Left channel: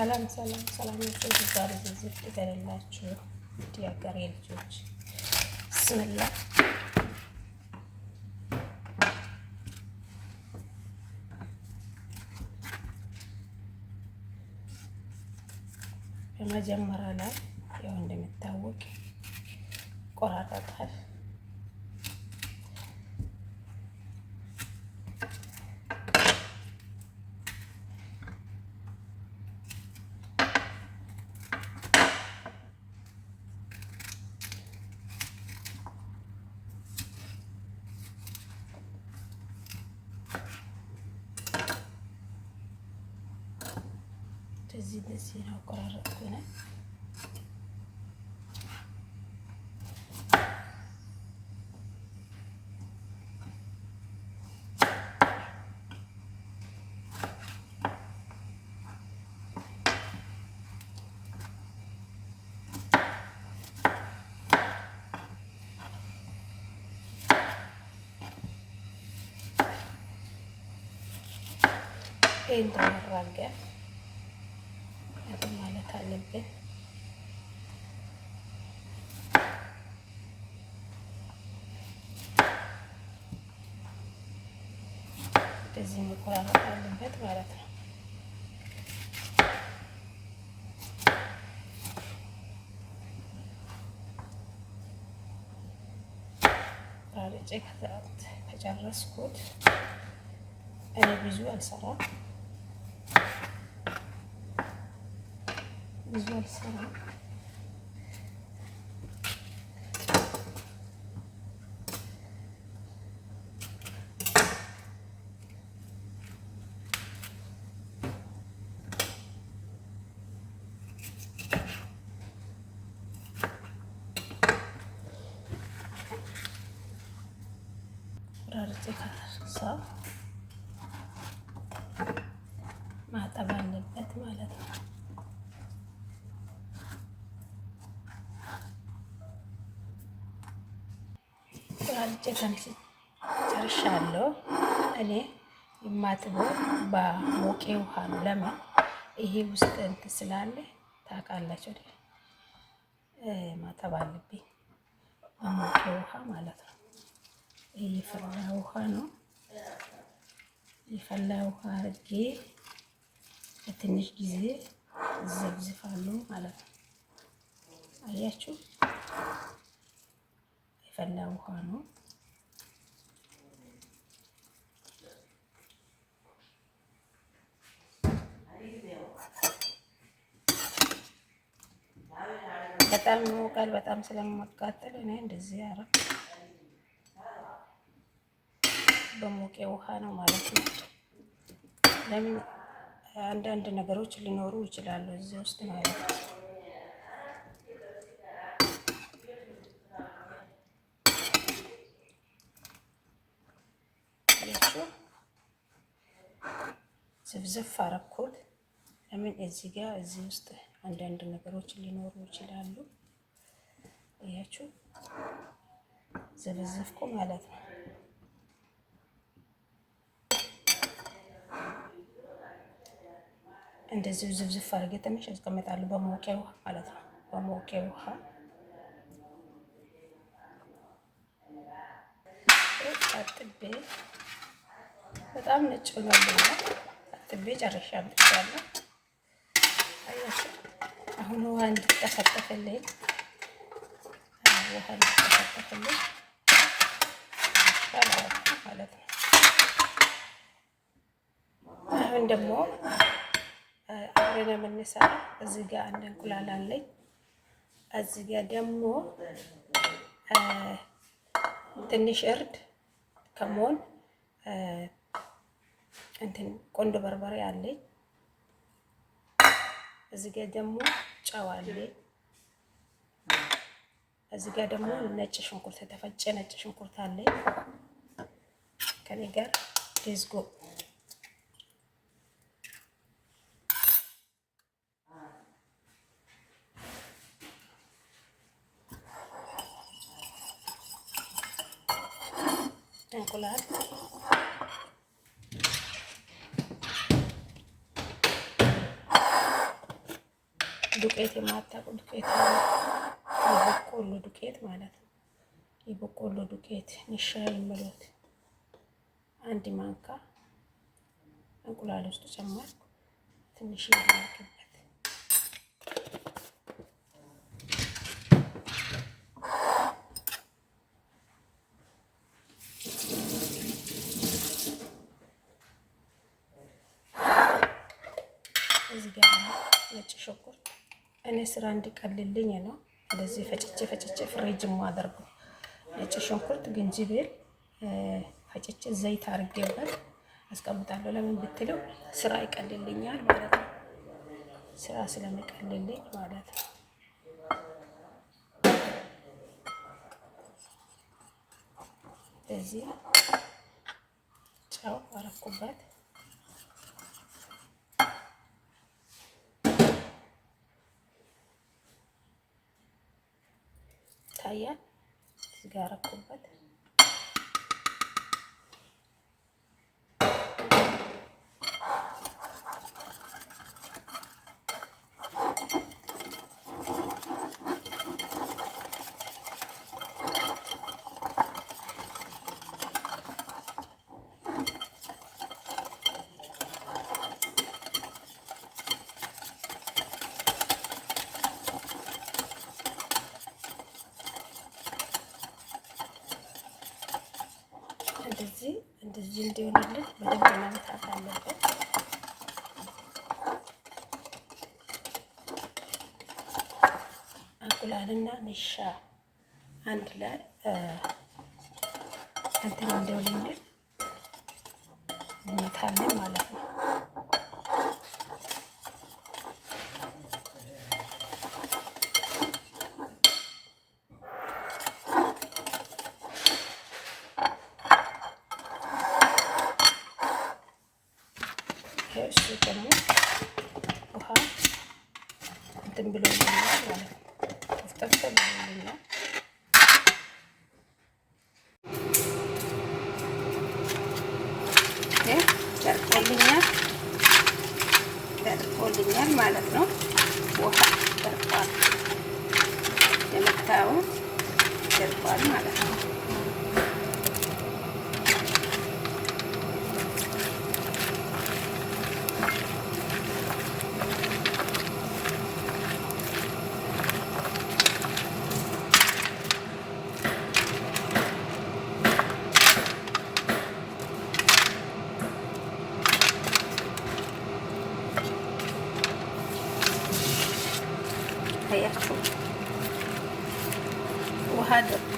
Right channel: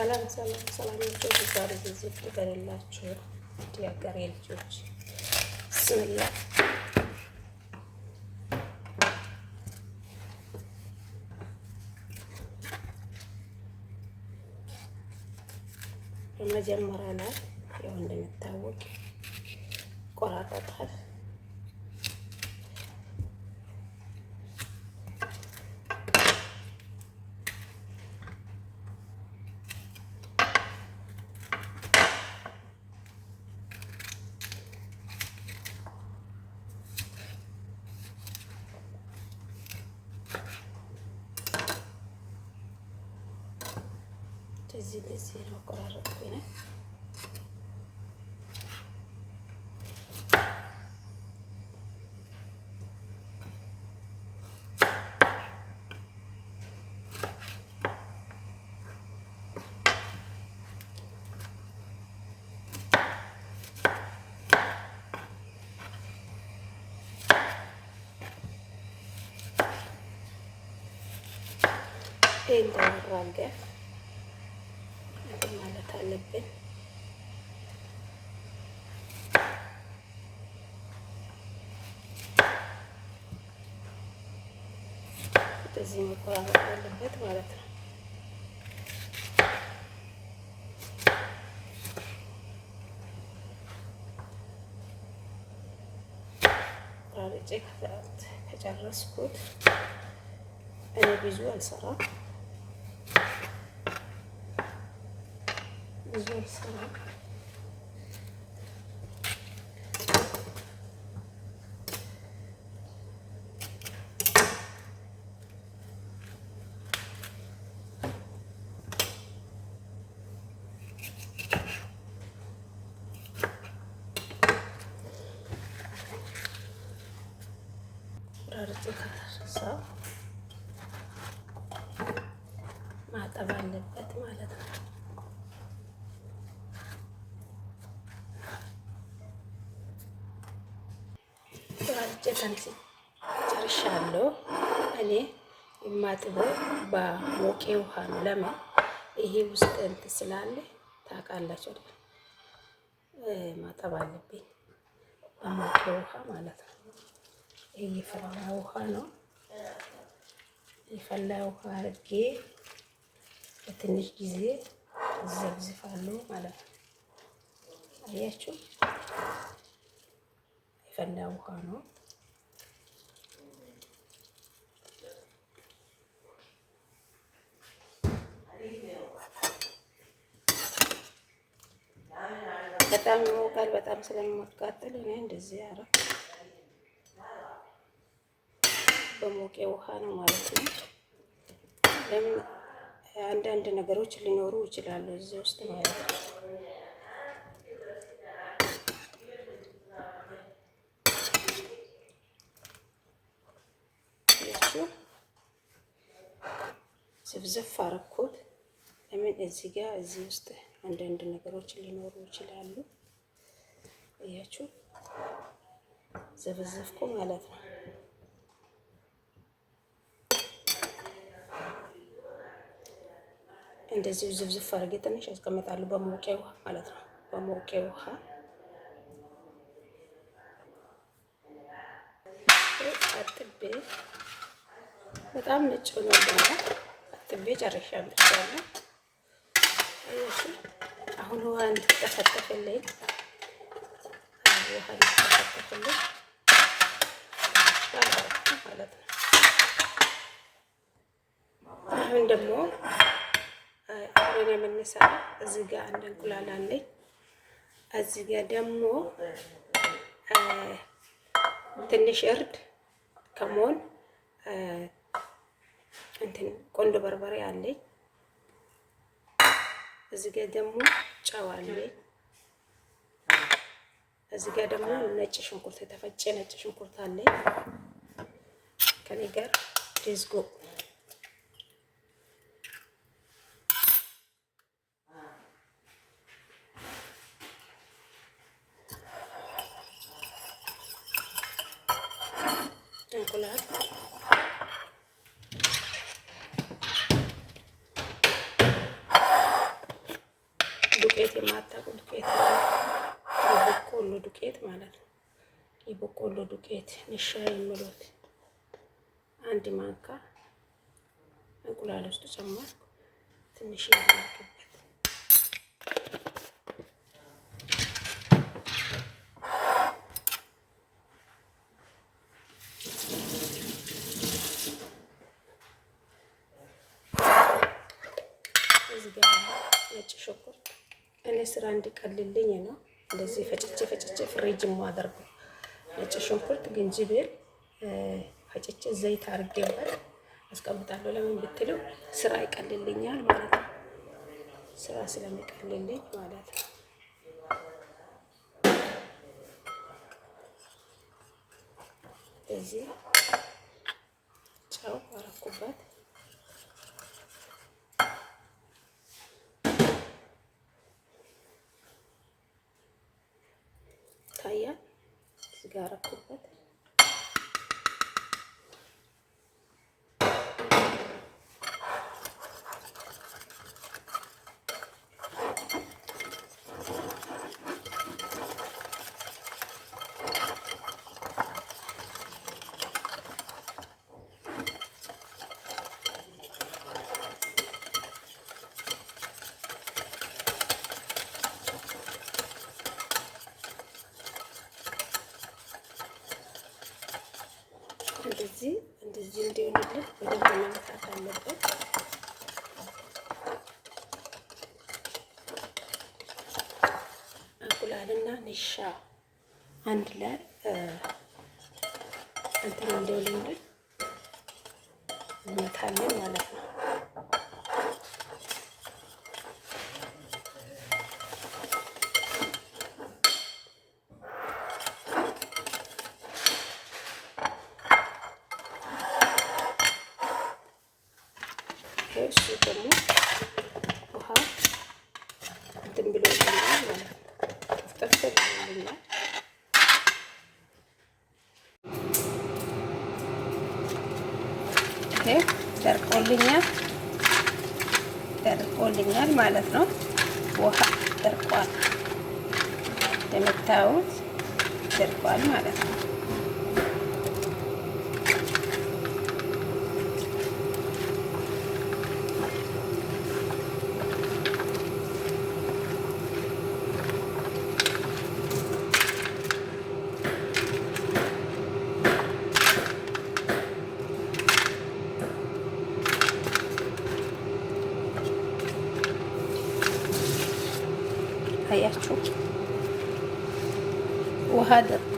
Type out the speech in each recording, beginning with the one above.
ሰላም ሰላም ሰላም ልጆች፣ ዛሬ ዝግጅት ይበላችሁ የሀገሬ ልጆች ብስምላ። በመጀመሪያ ላይ ያው እንደሚታወቅ ቆራረጣል። እዚህ ነው ቆራረጥኩኝ። እንደወራገ ማለት አለብን። እንደዚህ መቆራረጥ አለበት ማለት ነው። ቆራርጬ ከጨረስኩት እኔ ብዙ አልሰራም። ቆራርጬ ከጨረስኩ ማጠብ አለበት ማለት ነው። ቆራርጬ ጨርሻለሁ። እኔ የማጥበው በሞቄ ውሃ ነው። ለምን ይሄ ውስጥ እንትን ስላለ ታውቃላችሁ አይደል? ማጠብ አለብኝ በሞቄ ውሃ ማለት ነው። ይሄ የፈላ ውሃ ነው። የፈላ ውሃ አድርጌ በትንሽ ጊዜ ዘብዝፋለሁ ማለት ነው። አያችሁ፣ የፈላ ውሃ ነው። በጣም ይሞቃል። በጣም ስለማቃጠል እኔ እንደዚህ አረፍ በሞቄ ውሃ ነው ማለት ነው። ለምን አንዳንድ ነገሮች ሊኖሩ ይችላሉ እዚህ ውስጥ ማለት ነው። ዝፍዝፍ አረኩት። ለምን እዚህ ጋር እዚህ ውስጥ አንዳንድ ነገሮች ሊኖሩ ይችላሉ። እያችሁ ዘፍዝፍኩ ማለት ነው። እንደዚህ ዝፍዝፍ አድርጌ ትንሽ አስቀምጣለሁ በሞቄ ውሃ ማለት ነው። በሞቄ ውሃ አጥቤ በጣም ነጭ ሆኖልኛል። አጥቤ ጨርሻለሁ። አያችሁ፣ አሁን ውሃ እንድትጠፈጠፍልኝ ማለት ነው። አሁን ደግሞ አብረን የምንሰራው እዚህ ጋር አንድ እንቁላል አለኝ። እዚህ ጋር ደግሞ ትንሽ እርድ፣ ከሞን፣ እንትን ቆንጆ በርበሬ አለኝ። እዚህ ጋር ደግሞ ጨው አለኝ። እዚህ ጋር ደግሞ ነጭ ሽንኩርት፣ የተፈጨ ነጭ ሽንኩርት አለኝ። ከኔ ጋር ዲዝጎ እንቁላል ዱቄት የማታውቁ ዱቄት ነው፣ የበቆሎ ዱቄት ማለት ነው። የበቆሎ ዱቄት ንሻ የሚሉት አንድ ማንካ እንቁላል ውስጥ ጨመርኩ። ትንሽ ያደርግበት እዚህ ጋር ነጭ ሽንኩርት እኔ ስራ እንዲቀልልኝ ነው እንደዚህ ፈጭቼ ፍሪጅ ማደርገው። ነጭ ሽንኩርት፣ ዝንጅብል ፈጭቼ ዘይት አድርጌበት አስቀምጣለሁ። ለምን ብትለው ስራ ይቀልልኛል ማለት ነው። ስራ ስለሚቀልልኝ ማለት ነው። እዚህ ጨው አረኩበት። ታያል። እዚህ ጋር አረኩበት። እንደዚህ እንዲሆንልን በደንብ መምታት አለበት። እንቁላልና ንሻ አንድ ላይ እንትን እንዲሆንልን እንመታለን ማለት ነው። እሺ ደግሞ ውሃ እንትን ብሎልኛል ማለት ነው። ጠፍጠፍ ብሎልኛል። ደርቆልኛል ማለት ነው። ውሃ ደርቋል፣ የምታዩት ደርቋል ማለት ነው። አያችሁ ውሃ ደርቆ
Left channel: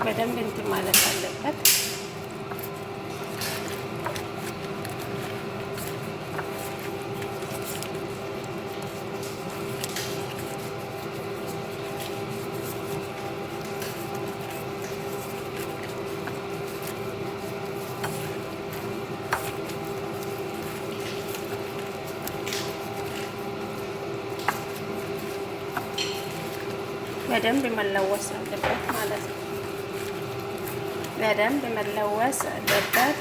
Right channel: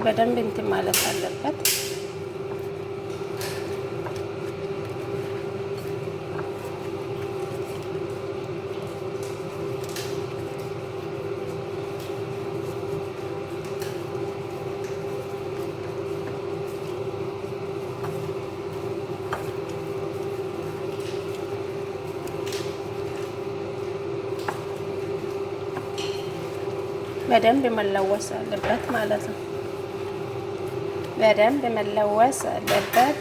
በደንብ እንትን ማለት አለበት። በደንብ መለወስ አለበት ማለት ነው። በደንብ መለወስ አለበት።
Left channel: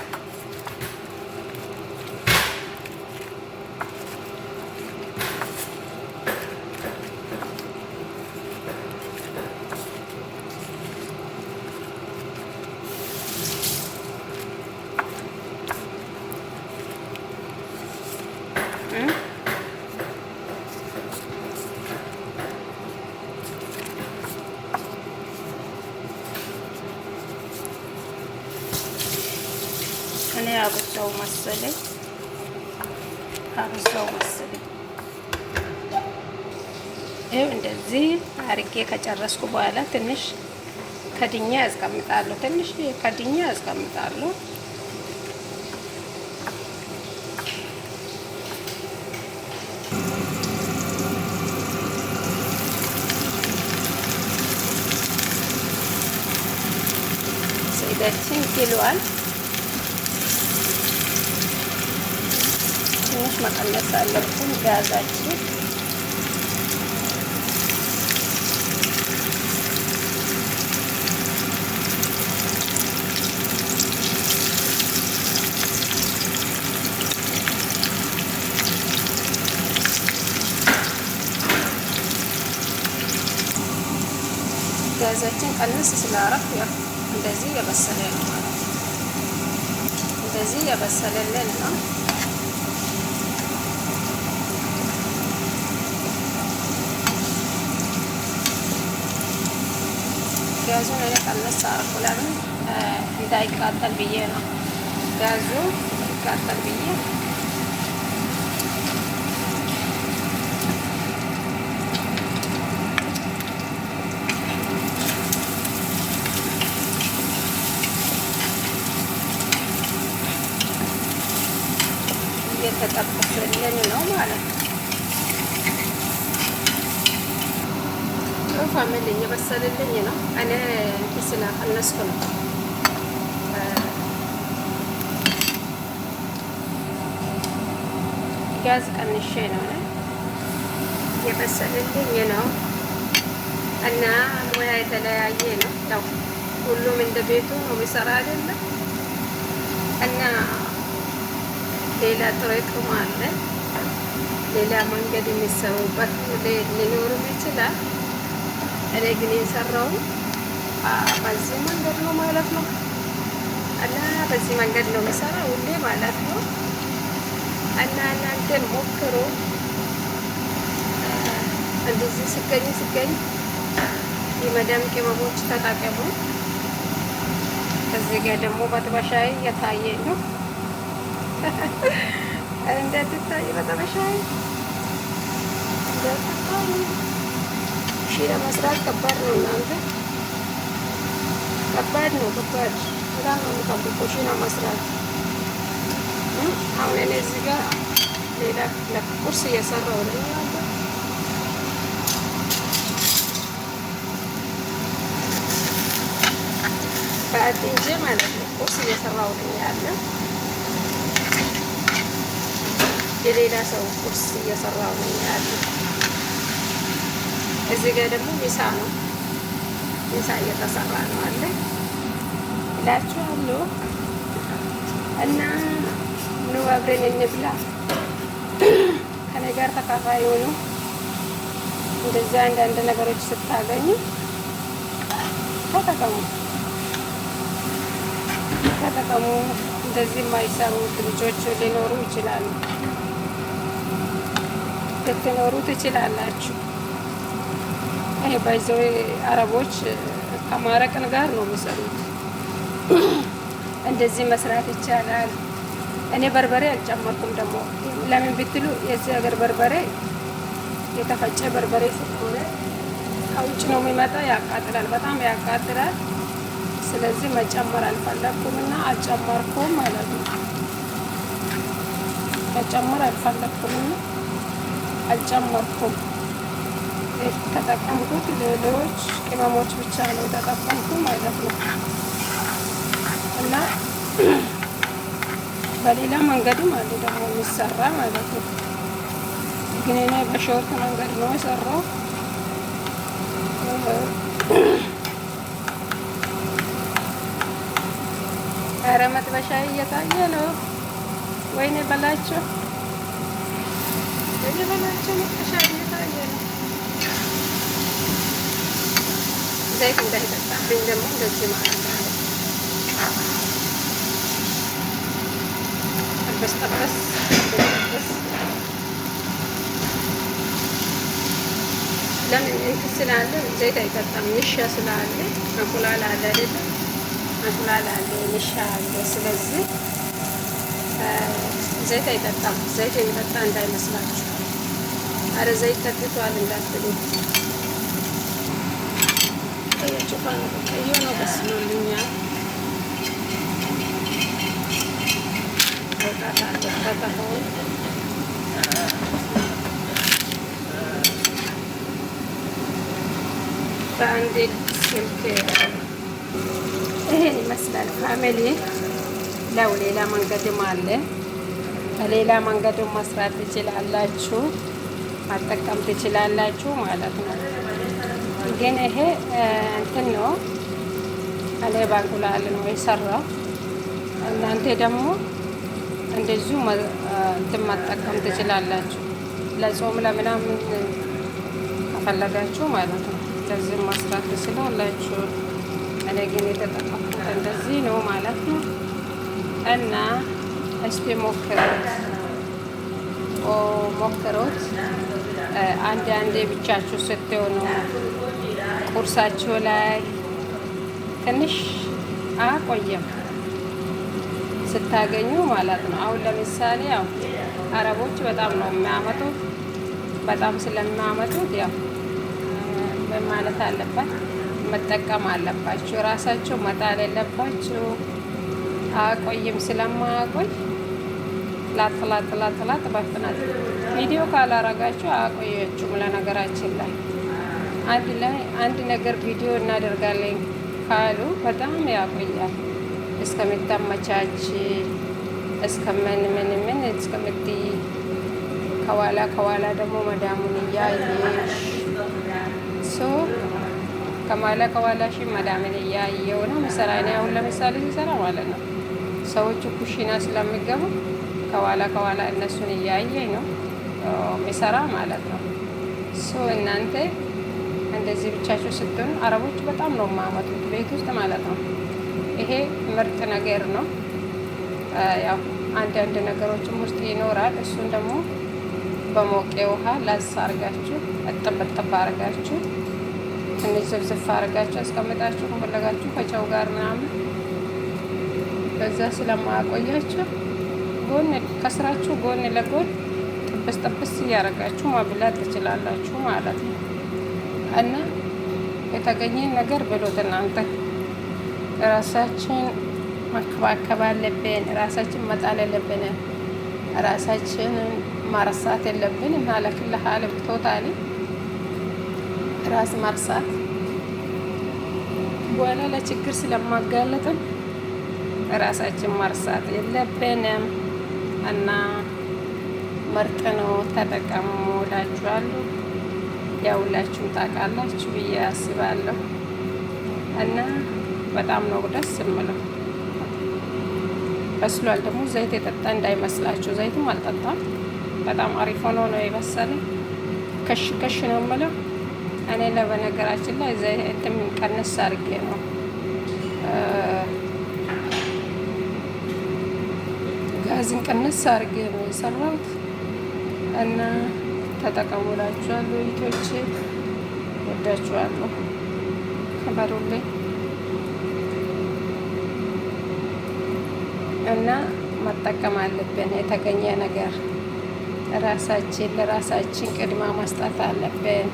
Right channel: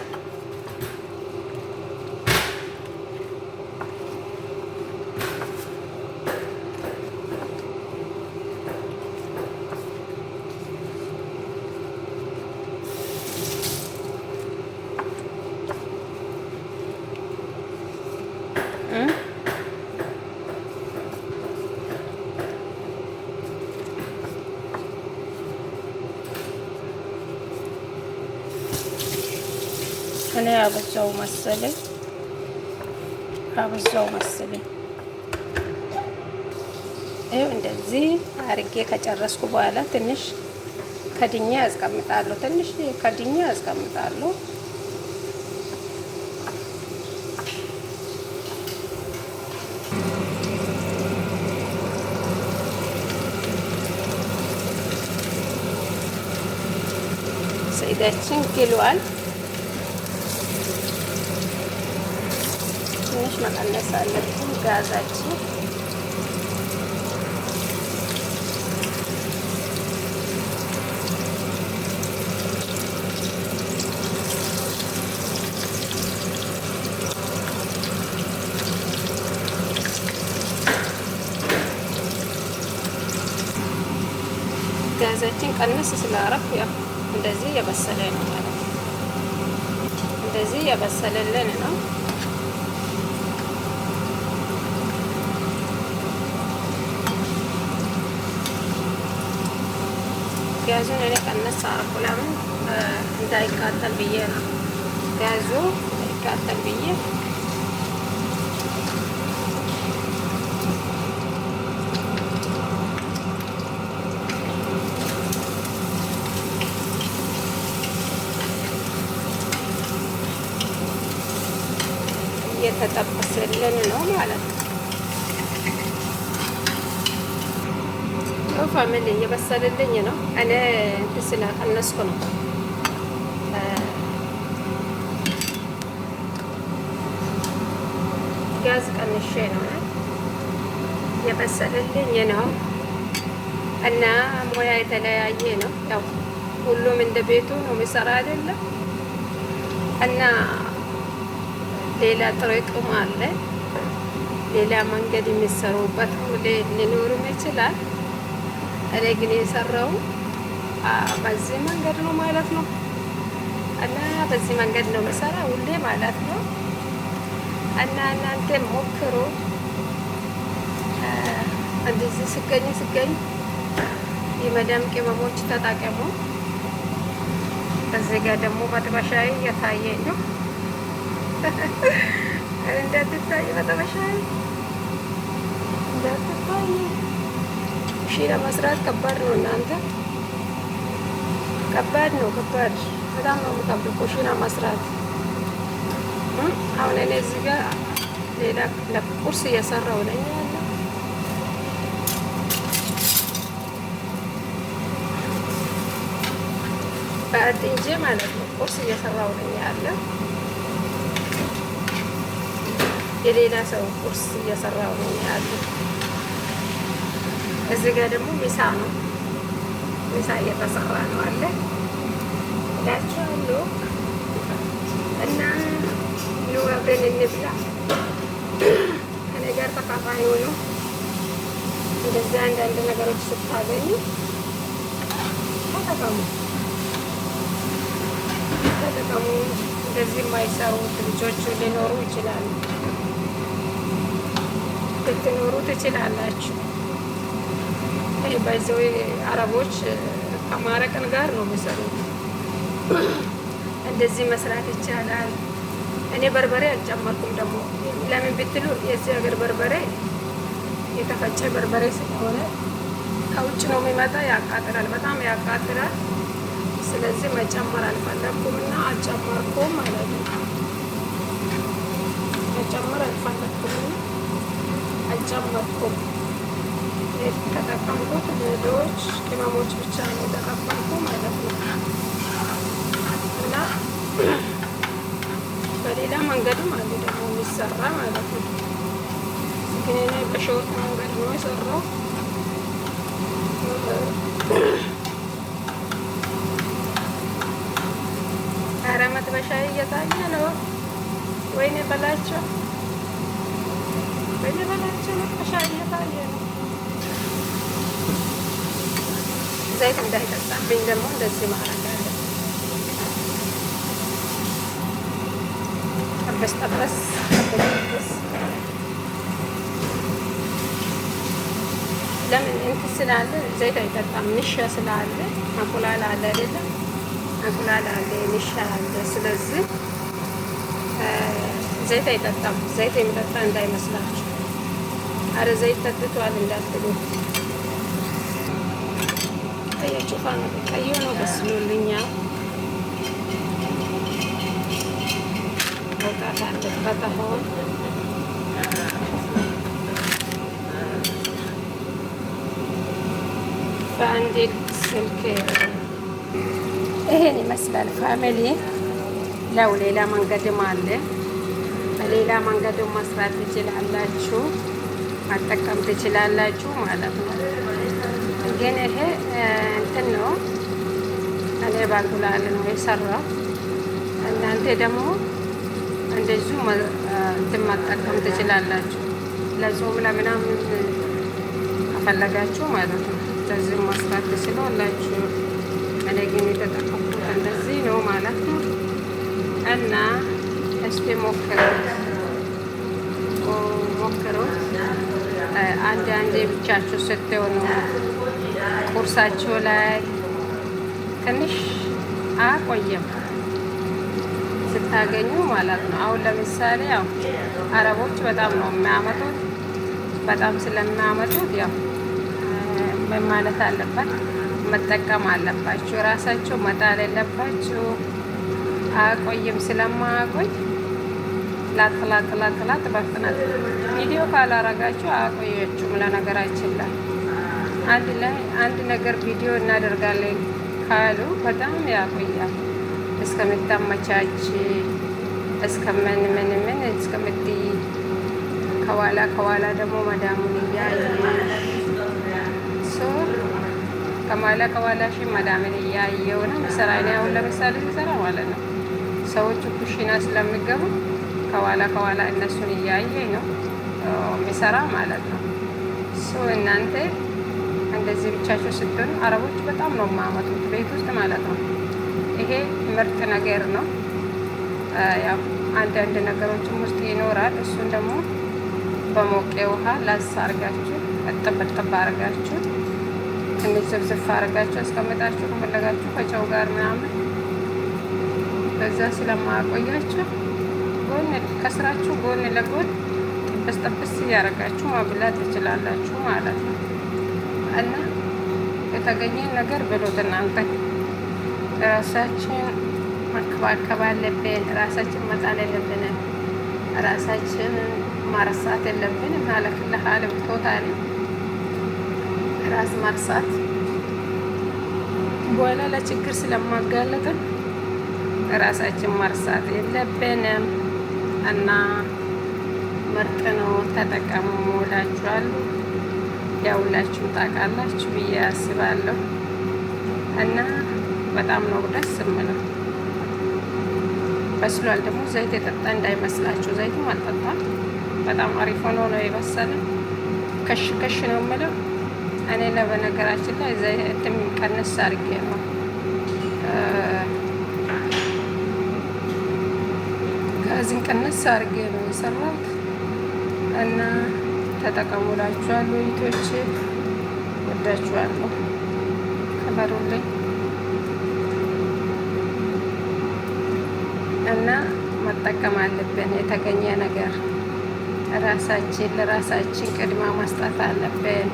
እኔ አበዛው መሰለኝ። ይኸው እንደዚህ አርጌ ከጨረስኩ በኋላ ትንሽ ከድኛ ያስቀምጣለሁ። ዘይታችን ግሏል። ትንሽ መቀነስ አለብን ጋዛችን። ቀንስ ስላረፍ ያው እንደዚህ የበሰለ ነው ማለት ነው። እንደዚህ የበሰለልን ነው። ጋዙን እኔ ቀነስ አደረኩ። ለምን እንዳይቃጠል ብዬ ነው። ጋዙ እንዳይቃጠል ብዬ እየተጠበሰልን ነው ማለት ነው። ፋሚሊ እየበሰልልኝ ነው። እኔ እንትን ስለቀነስኩ ነው። ጋዝ ቀንሼ ነው እየበሰልልኝ ነው። እና ሙያ የተለያየ ነው። ያው ሁሉም እንደ ቤቱ ነው የሚሰራ አይደለም። እና ሌላ ጥሬቅም አለ። ሌላ መንገድ የሚሰሩበት ሊኖርም ይችላል። እኔ ግን የሰራው በዚህ መንገድ ነው ማለት ነው። እና በዚህ መንገድ ነው የምሰራው ሁሌ ማለት ነው። እና እናንተ ሞክሩ። እንደዚህ ስገኝ የመዳም ቅመሞች ተጠቀሙ። ከዚህ ጋር ደግሞ መጥበሻዬ እየታየኝ ነው። እንዳትታይ መጥበሻዬ እንዳትታይ። ሺ ለመስራት ከባድ ነው እናንተ፣ ከባድ ነው። በጣም ነው የምጠብቀው ሺ ለመስራት። አሁን እኔ እዚህ ጋር ሌላ ቁርስ እየሰራሁ ነኝ ያለው። በአድንጄ ማለት ነው ቁርስ እየሰራሁ ነኝ ያለው። የሌላ ሰው ቁርስ እየሰራሁ ነኝ ያለው። እዚህ ጋር ደግሞ ሚሳ ነው። ሚሳ እየተሰራ ነው አለ እላችኋለሁ። እና ኑ አብረን እንብላ። ከእኔ ጋር ተካፋይ ሆኑ። እንደዚህ አንዳንድ ነገሮች ስታገኙ ተጠቀሙ። እንደዚህ የማይሰሩት ልጆች ሊኖሩ ይችላሉ። ልትኖሩ ትችላላችሁ። ይሄ ባይዘው አረቦች ከማረቅን ጋር ነው የሚሰሩት። እንደዚህ መስራት ይቻላል። እኔ በርበሬ አልጨመርኩም። ደግሞ ለምን ብትሉ የዚህ ሀገር በርበሬ የተፈጨ በርበሬ ስለሆነ ከውጭ ነው የሚመጣ፣ ያቃጥላል፣ በጣም ያቃጥላል። ስለዚህ መጨመር አልፈለኩም እና አልጨመርኩም ማለት ነው። መጨመር አልፈለኩም እና አልጨመርኩም። ተጠቀምኩት ሌሎች ቅመሞች ብቻ ነው ተጠቀምኩ ማለት ነው። እና በሌላ መንገድም አለ ደግሞ የሚሰራ ማለት ነው። ግን እኔ በሾርት መንገድ ነው የሰራው። ኧረ መጥበሻዬ እየታየ ነው። ወይኔ በላቸው፣ መጥበሻዬ እየታየ ነው። ዘይት እንዳይጠጣብኝ ደግሞ እንደዚህ ማለት ነው። ጠበስ ለምን እንትን ስላለ ዘይት አይጠጣም። ንሻ ስላለ እንቁላል አለ አይደለ? እንቁላል አለ፣ ንሻ አለ። ስለዚህ ዘይት አይጠጣም። ዘይት የሚጠጣ እንዳይመስላችሁ። አረ ዘይት ጠጥቷል እንዳትሉ። ቀያችሁ ነው ቀዩ ነው በስሎልኛል። መውጣት አለበት አሁን። በአንድ ስልክ ይሄን ይመስላል ፋሚሊ። ለው ሌላ መንገድም አለ። በሌላ መንገድም መስራት ትችላላችሁ፣ መጠቀም ትችላላችሁ ማለት ነው። ግን ይሄ እንትን ነው፣ እኔ በእንቁላል ነው የሰራው። እናንተ ደግሞ እንደዚሁ እንትን መጠቀም ትችላላችሁ፣ ለጾም ለምናምን ከፈለጋችሁ ማለት ነው። እንደዚህ መስራት ትችላላችሁ። እኔ ግን የተጠቀምኩት እንደዚህ ነው ማለት ነው። እና እስቲ ሞክሩት ሞክሩት። አንዳንዴ ብቻችሁ ስትሆኑ ቁርሳችሁ ላይ ትንሽ አቆየም ስታገኙ ማለት ነው። አሁን ለምሳሌ ያው አረቦች በጣም ነው የሚያመጡት። በጣም ስለሚያመጡት ያው ምን ማለት አለባት መጠቀም አለባችሁ። ራሳችሁ መጣል የለባችሁ። አቆይም ስለማያቆይ ላጥላጥላጥላት በፍጥነት ቪዲዮ ካላረጋችሁ አቆያችሁም። ለነገራችን ላይ አንድ ነገር ቪዲዮ እናደርጋለን ካሉ በጣም ያቆያል እስከምታመቻች እስከምን እስከምትይ ከኋላ ደግሞ መዳሙን እያየሽ ከኋላሽ መዳምን እያየው ነው ምሰራ። እኔ አሁን ለምሳሌ ሲሰራ ማለት ነው ሰዎቹ ኩሽና ስለሚገቡ ከኋላ እነሱን እያየ ነው ምሰራ ማለት ነው። እናንተ እንደዚህ ብቻችሁ ስትሆኑ አረቦች በጣም ነው የማመጡት ቤት ውስጥ ማለት ነው። ይሄ ምርጥ ነገር ነው። ያው አንዳንድ ነገሮችም ውስጥ ይኖራል። እሱን ደግሞ በሞቄ ውሃ ላስ አርጋችሁ እጥብ አርጋችሁ ትንሽ ዝብዝፍ አርጋችሁ አስቀምጣችሁ ከፈለጋችሁ ከጨው ጋር ምናምን በዛ ስለማያቆያችሁ ከስራችሁ ጎን ለጎን ጥብስ እያደረጋችሁ ማብላት ትችላላችሁ ማለት ነው። እና የተገኘን ነገር ብሎት እናንተ ራሳችን መከባከብ አለብን። ራሳችን መጣል የለብን። ራሳችንን ማረሳት የለብን። ማለት ለሀልም ቶታሊ ራስ ማርሳት በኋላ ለችግር ስለማጋለጥን ራሳችን ማርሳት የለብንም። እና ምርጥ ነው፣ ተጠቀሙ እላችኋለሁ። ያው ሁላችሁም ታውቃላችሁ ብዬ አስባለሁ። እና በጣም ነው ደስ የምለው። በስሏል ደግሞ ዘይት የጠጣ እንዳይመስላችሁ። ዘይቱም አልጠጣም። በጣም አሪፍ ሆኖ ነው የበሰለ። ከሽ ነው የምለው እኔ ለበነገራችን ላይ ዘይትን ቀነስ አድርጌ ነው ጋዝን ቀነስ አድርጌ ነው የሰራሁት። እና ተጠቀሙላችኋለሁ። ይቶች ወዳችኋለሁ። ከበሩልኝ እና መጠቀም አለብን። የተገኘ ነገር ለራሳችን ቅድማ መስጠት አለብን።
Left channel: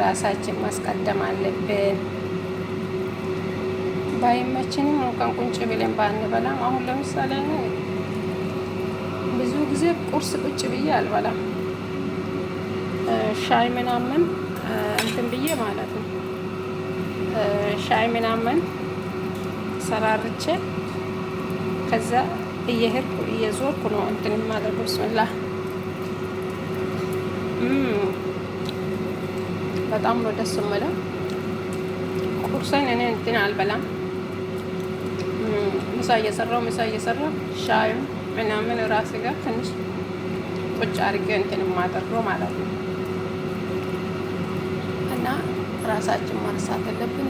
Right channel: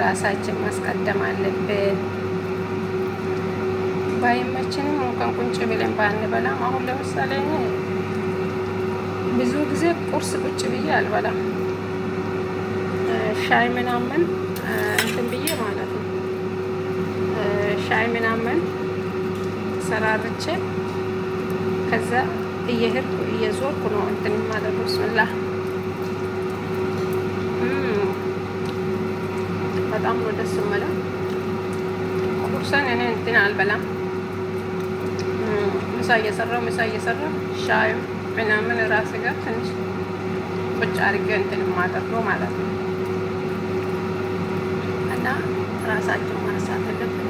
ራሳችን ማስቀደም አለብን። ባይመችንም እንኳን ቁጭ ብለን ባንበላም፣ አሁን ለምሳሌ ብዙ ጊዜ ቁርስ ቁጭ ብዬ አልበላም። ሻይ ምናምን እንትን ብዬ ማለት ነው። ሻይ ምናምን ሰራርቼ ከዛ እየሄድኩ እየዞርኩ ነው እንትን ማለት ነው። ብስምላህ በጣም ነው ደስ የምለው። ቁርሰን እኔ እንትን አልበላም። ምሳ እየሰራው ሻዩ ምናምን ራሴ ጋር ትንሽ ቁጭ አድርጌ እንትን የማደርገው ማለት ነው። እና ራሳችን ማርሳት አለብን።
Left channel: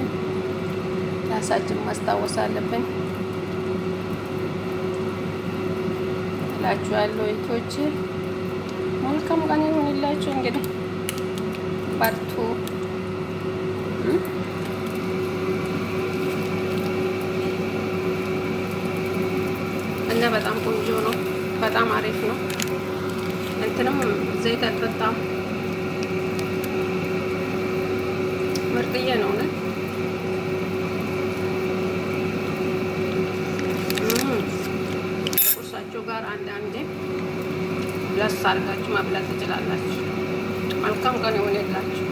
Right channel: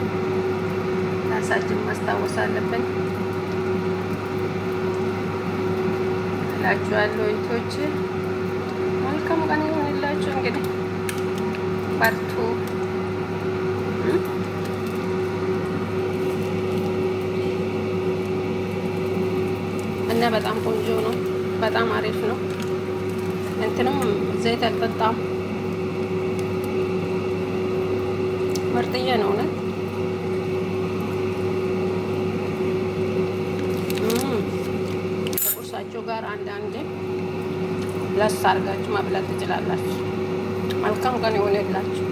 ራሳችን ማስታወስ አለብን እላችኋለሁ። እህቶች መልካም ቀን ይሁንላችሁ። እንግዲህ በርቱ። እና በጣም ቆንጆ ነው። በጣም አሪፍ ነው። እንትንም ዘይት አልጠጣም። ምርጥዬ ነው እውነት። ከቁርሳችሁ ጋር አንዳንዴ ለስ አድርጋችሁ መብላት ትችላላችሁ። መልካም ቀን ይሁንላችሁ።